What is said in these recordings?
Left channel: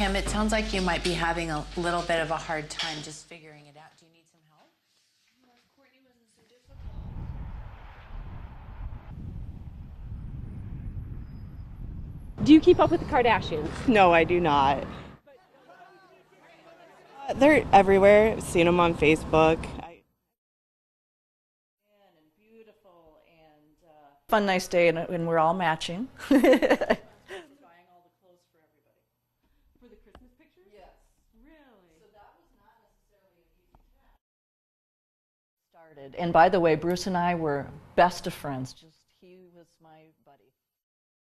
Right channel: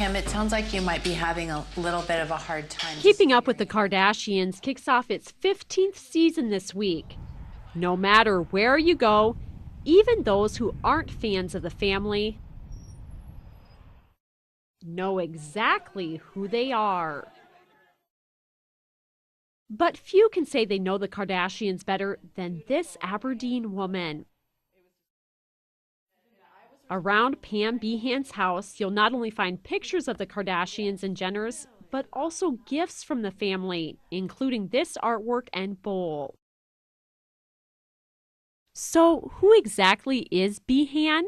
Kim, it sounds like you might be having a little bit of a hard time. Keeping Up with the Kardashians kicks off its 15th season this week. No matter where you go, even those who aren't fans of the family, do you keep up with the Kardashians? No, I do not. Know exactly who they are. They're everywhere. I've seen them on Facebook. But few can say they know the Kardashians better than this Aberdeen woman. Fun, nice day, and we're all matching. Around Pam Behan's house, you'll not only find pictures of the Kardashians and Jenners, but also gifts from the family, including this artwork and bowl. And by the way, Bruce and I were best of friends. So who exactly is Behan?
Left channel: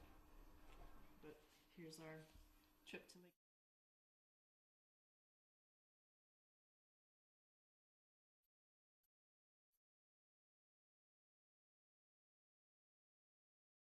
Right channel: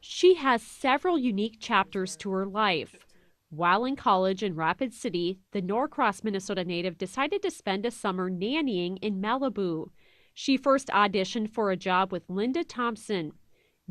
She has several unique chapters to her life. While in college in Rapid City, the Norcross, Minnesota native decided to spend a summer nannying in Malibu. She first auditioned for a job with Linda Thompson.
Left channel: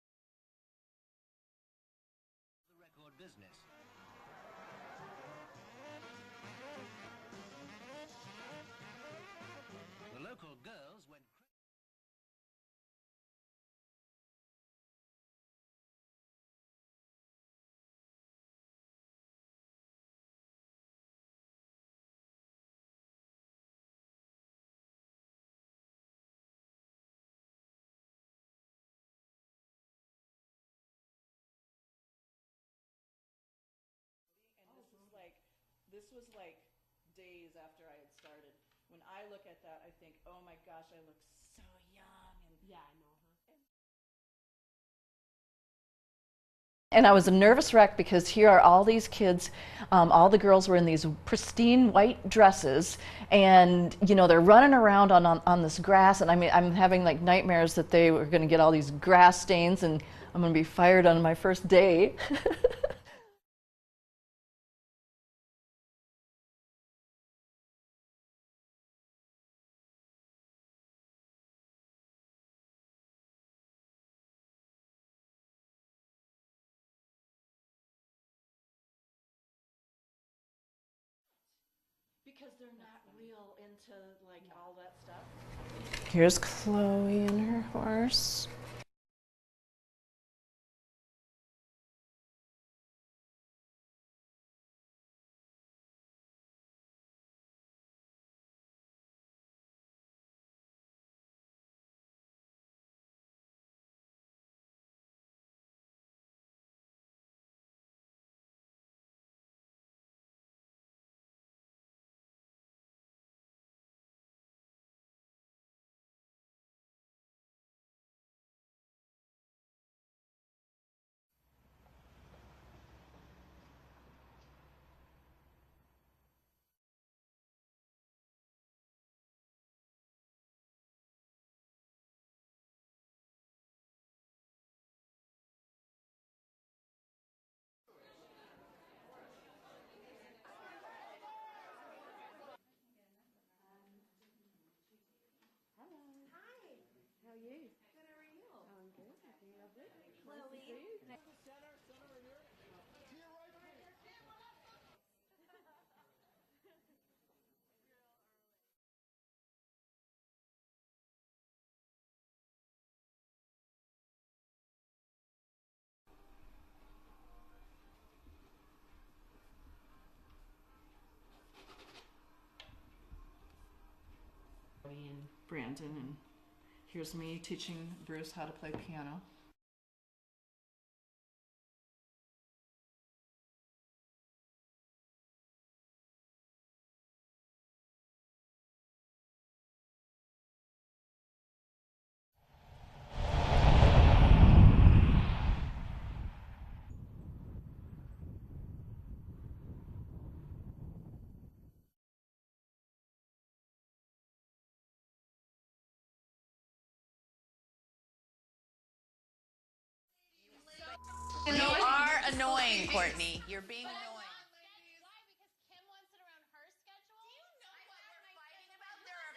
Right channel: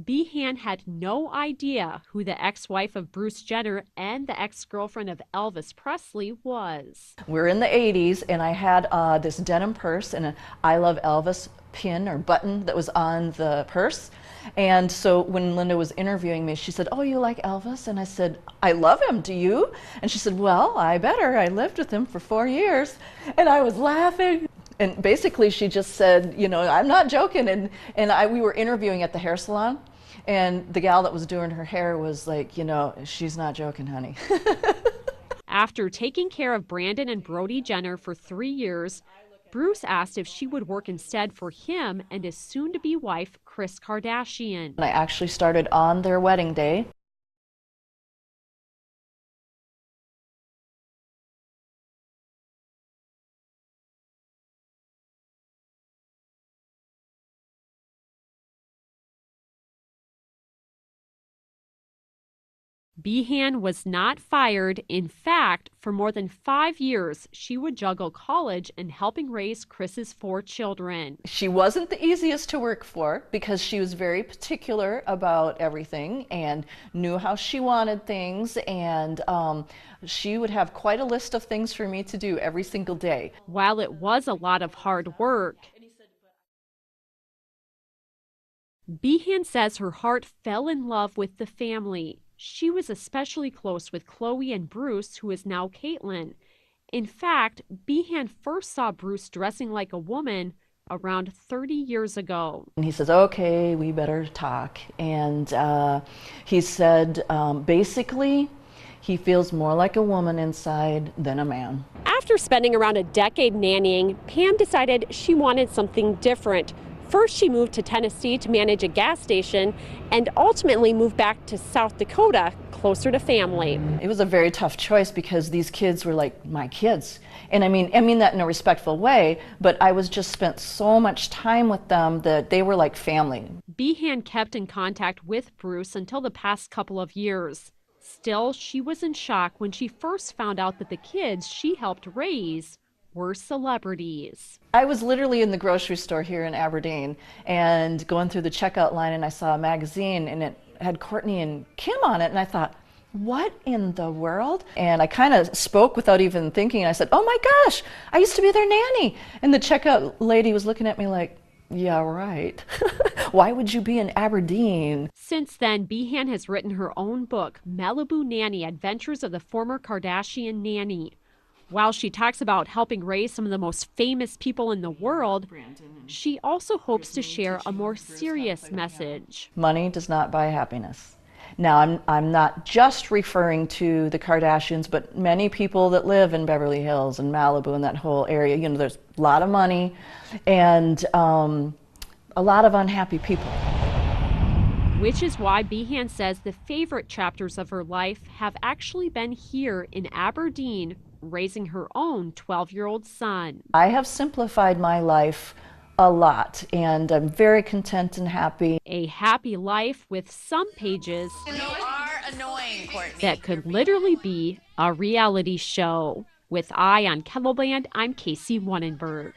Behan had no idea who the ex-wife of Bruce Jenner and the ex-girlfriend of Elvis Presley was. We're in the 80s, and I had this denim purse and an I Love Elvis pin or button that was on the purse. And so when Linda was interviewing me, she said, "Oh, you like Elvis?" And I said, "I love him, do you?" And she said, "Well, I better. I lived with him for 4 years." And I was laughing. And basically she just said, you know, "I'm not joking." And we were interviewing at the hair salon, and the gal that was doing her hair was like, you know, "She's not joking, honey." After taking care of Brandon and Brody Jenner for 3 years, Bruce asked if she would work instead for him and his soon-to-be wife, Kris Kardashian. I actually started on their wedding day, and I was a nervous wreck because here are all these kids. All the girls were in these pristine white dresses, and you know, they're running around on this grass, and I mean, I'm having like nightmares that they were going to get all these grass stains and I'm going to be fired on my first day. Behan was not fired. In fact, for more than 5 years, she would juggle college and helping raise Kris's 4 children. She wasn't the easiest to work for because she was very particular about everything and knew how she wanted things, and she would have quite a list of things for me to do every single day. While it was a lot of hard work, Here's Chloe and her horse. Behan says her heart fell in love with the family. She was especially close with Chloe and Bruce, who is now Caitlyn. In fact, Behan first saw Bruce dressing like a woman around 30 years ago. And he says, "Okay, we better talk." And he said, basically, he feels more like a woman inside than a man. After spending around a decade nannying, Pam decided she wanted something different. First, she moved to Tennessee to manage a gas station and ultimately moved back to South Dakota, closer to family. It was a very tough choice because these kids were like my kids. And I mean that in a respectful way, but I was just spent so much time with them that they were like family. Behan kept in contact with Bruce until the past couple of years. Still, she was in shock when she first found out that the kids she helped raise were celebrities. I was literally in the grocery store here in Aberdeen and going through the checkout line, and I saw a magazine and it had Courtney and Kim on it, and I thought, what in the world? And I kind of spoke without even thinking. I said, "Oh my gosh, I used to be their nanny." And the checkout lady was looking at me like, "Yeah, right." Why would you be in Aberdeen? Since then, Behan has written her own book, Malibu Nanny: Adventures of the Former Kardashian Nanny. While she talks about helping raise some of the most famous people in the world, she also hopes to share a more serious message. Money does not buy happiness. Now, I'm not just referring to the Kardashians, but many people that live in Beverly Hills and Malibu and that whole area. You know, there's a lot of money and a lot of unhappy people. Which is why Behan says the favorite chapters of her life have actually been here in Aberdeen, raising her own 12-year-old son. I have simplified my life a lot, and I'm very content and happy. A happy life with some pages You are annoying, Courtney. that could literally be a reality show. With Eye on Kettleband, I'm Casey Wannenberg.